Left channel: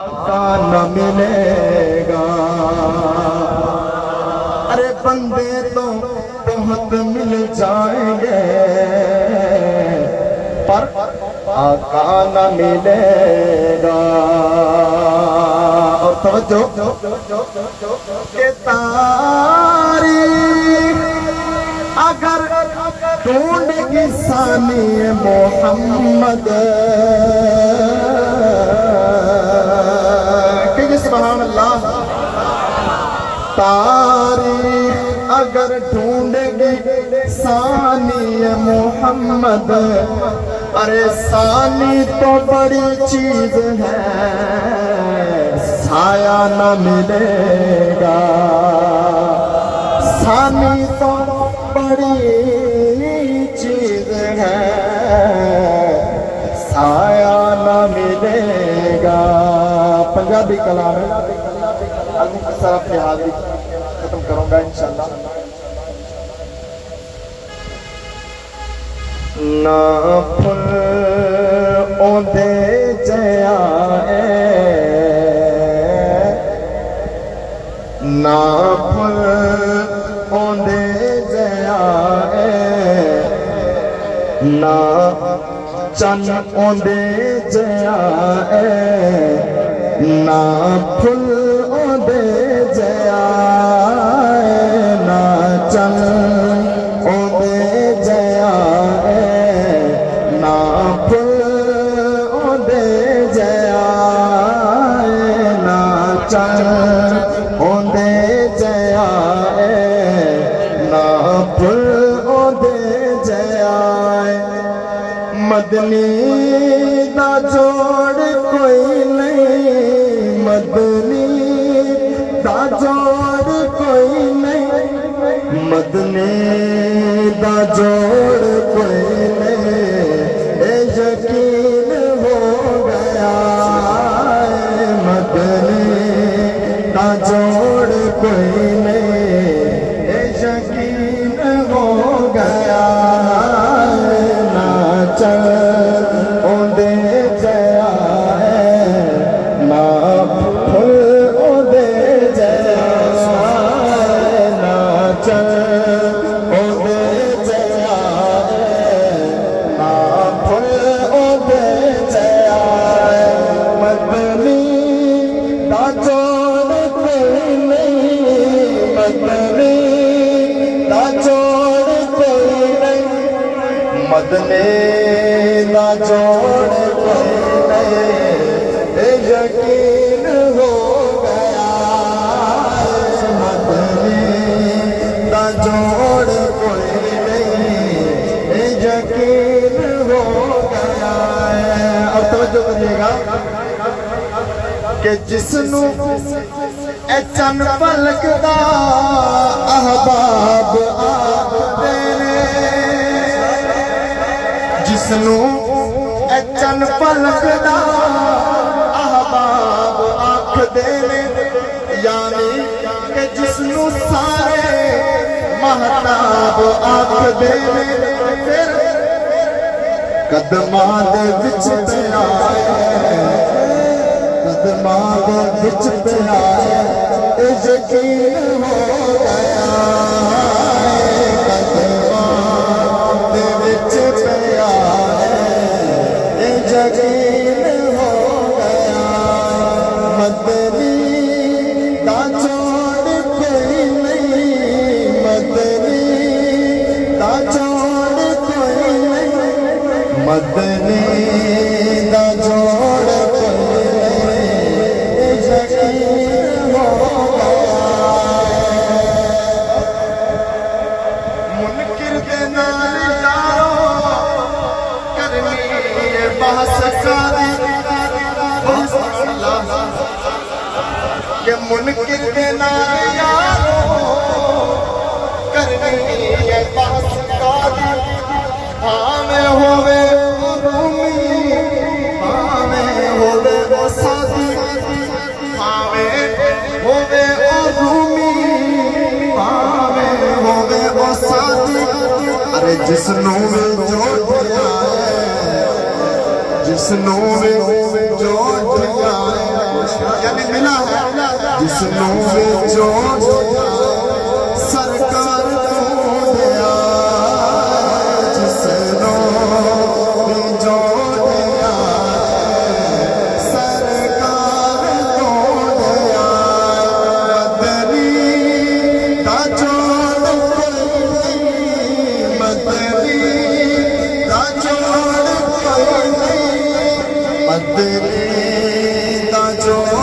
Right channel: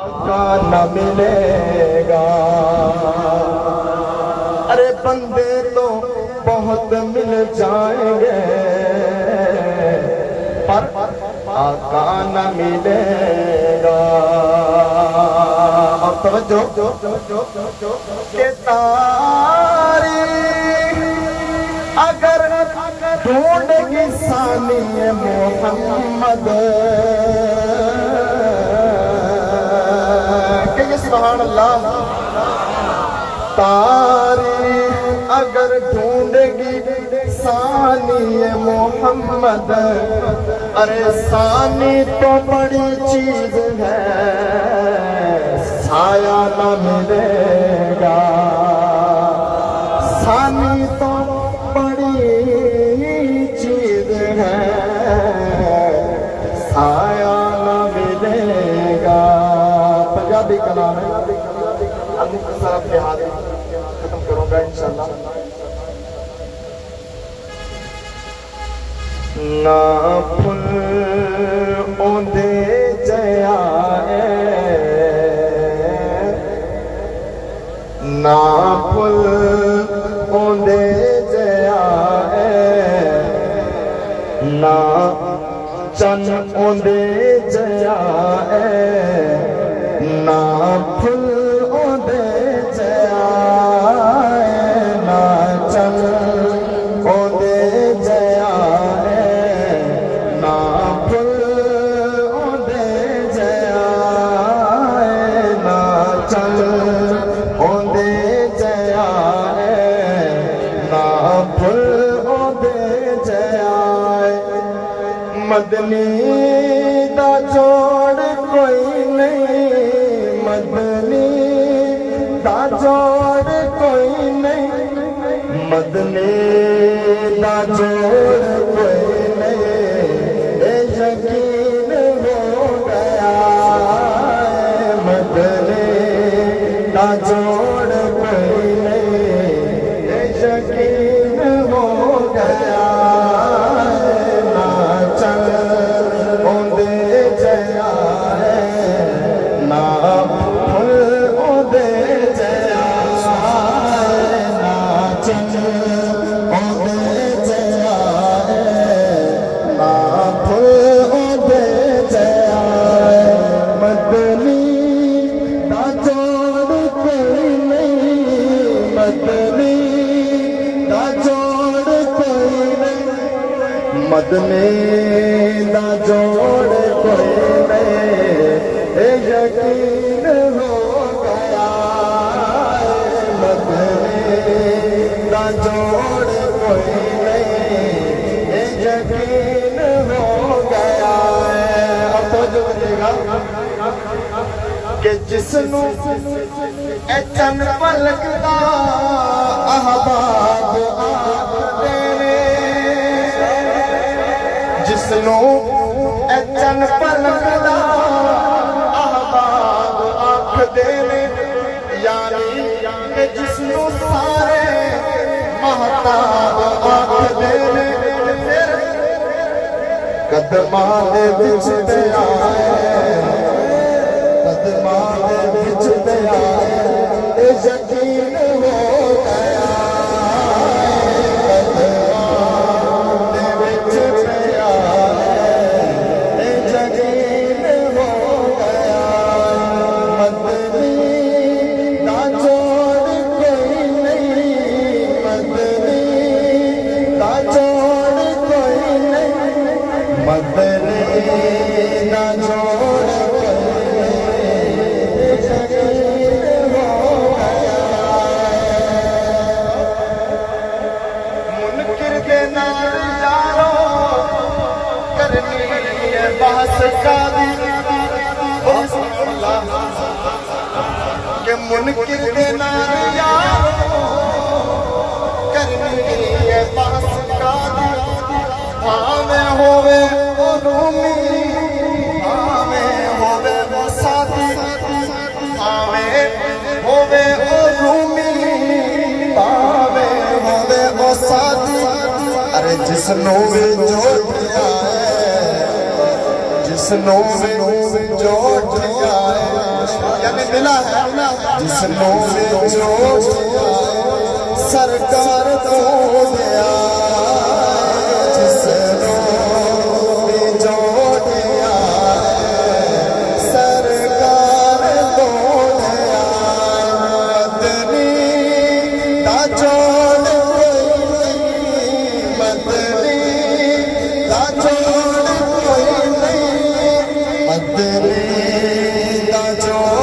का न मिलेगा। अरे बंदे तो बहुत मिल जाएंगे पर आका न मिलेगा। और तवज्जो के तारीख अगर ढूंढेगी सानी मोहम्मद तारीख अगर ढूंढेगी सानी मोहम्मद। अरे सानी तो बड़ी चीज है साया न मिलेगा। सानी तो बड़ी चीज है साया न मिलेगा। पंजाबी कलाम है खत्म करूंगा इंशाल्लाह। ना फुल ओंदे जयाए ना फुल ओंदे जयाए ना चन ओंदे जयाए ना फुल ओंदे मदनी दा जोड़ कोई नहीं। मदनी दा जोड़ कोई नहीं। मदनी दा जोड़ कोई नहीं यकीन हो गया। मदनी दा जोड़ कोई नहीं यकीन हो गया। मदनी दा जोड़ कोई नहीं यकीन हो गया। मदनी दा जोड़ कोई नहीं यकीन हो गया। और तवज्जो करिएगा कि जिसनू ए चन पलकदा अहबाब जिसनू चन पलकदा अहबाब आखदे ने यानी कि जिसनू सारे महताब आखदे ने। कदमां दे विच ते आए कदमां दे विच ते आए यकीन हो के मुनकिर के नायारो करनी है बास का भावे होवे वो रूमी भावे होवे वो साथी भावे होवे वो रूमी भावे होवे वो साथी। अरे जिसनों में जोड़ आए जिसनों में जोड़ आए पहला है जिसनों जोड़िया सरकार तो दिया जिसनों जोड़िया सरकार तो दिया मदनी दा जोड़ मदनी दा जोड़ मदनी दा जोड़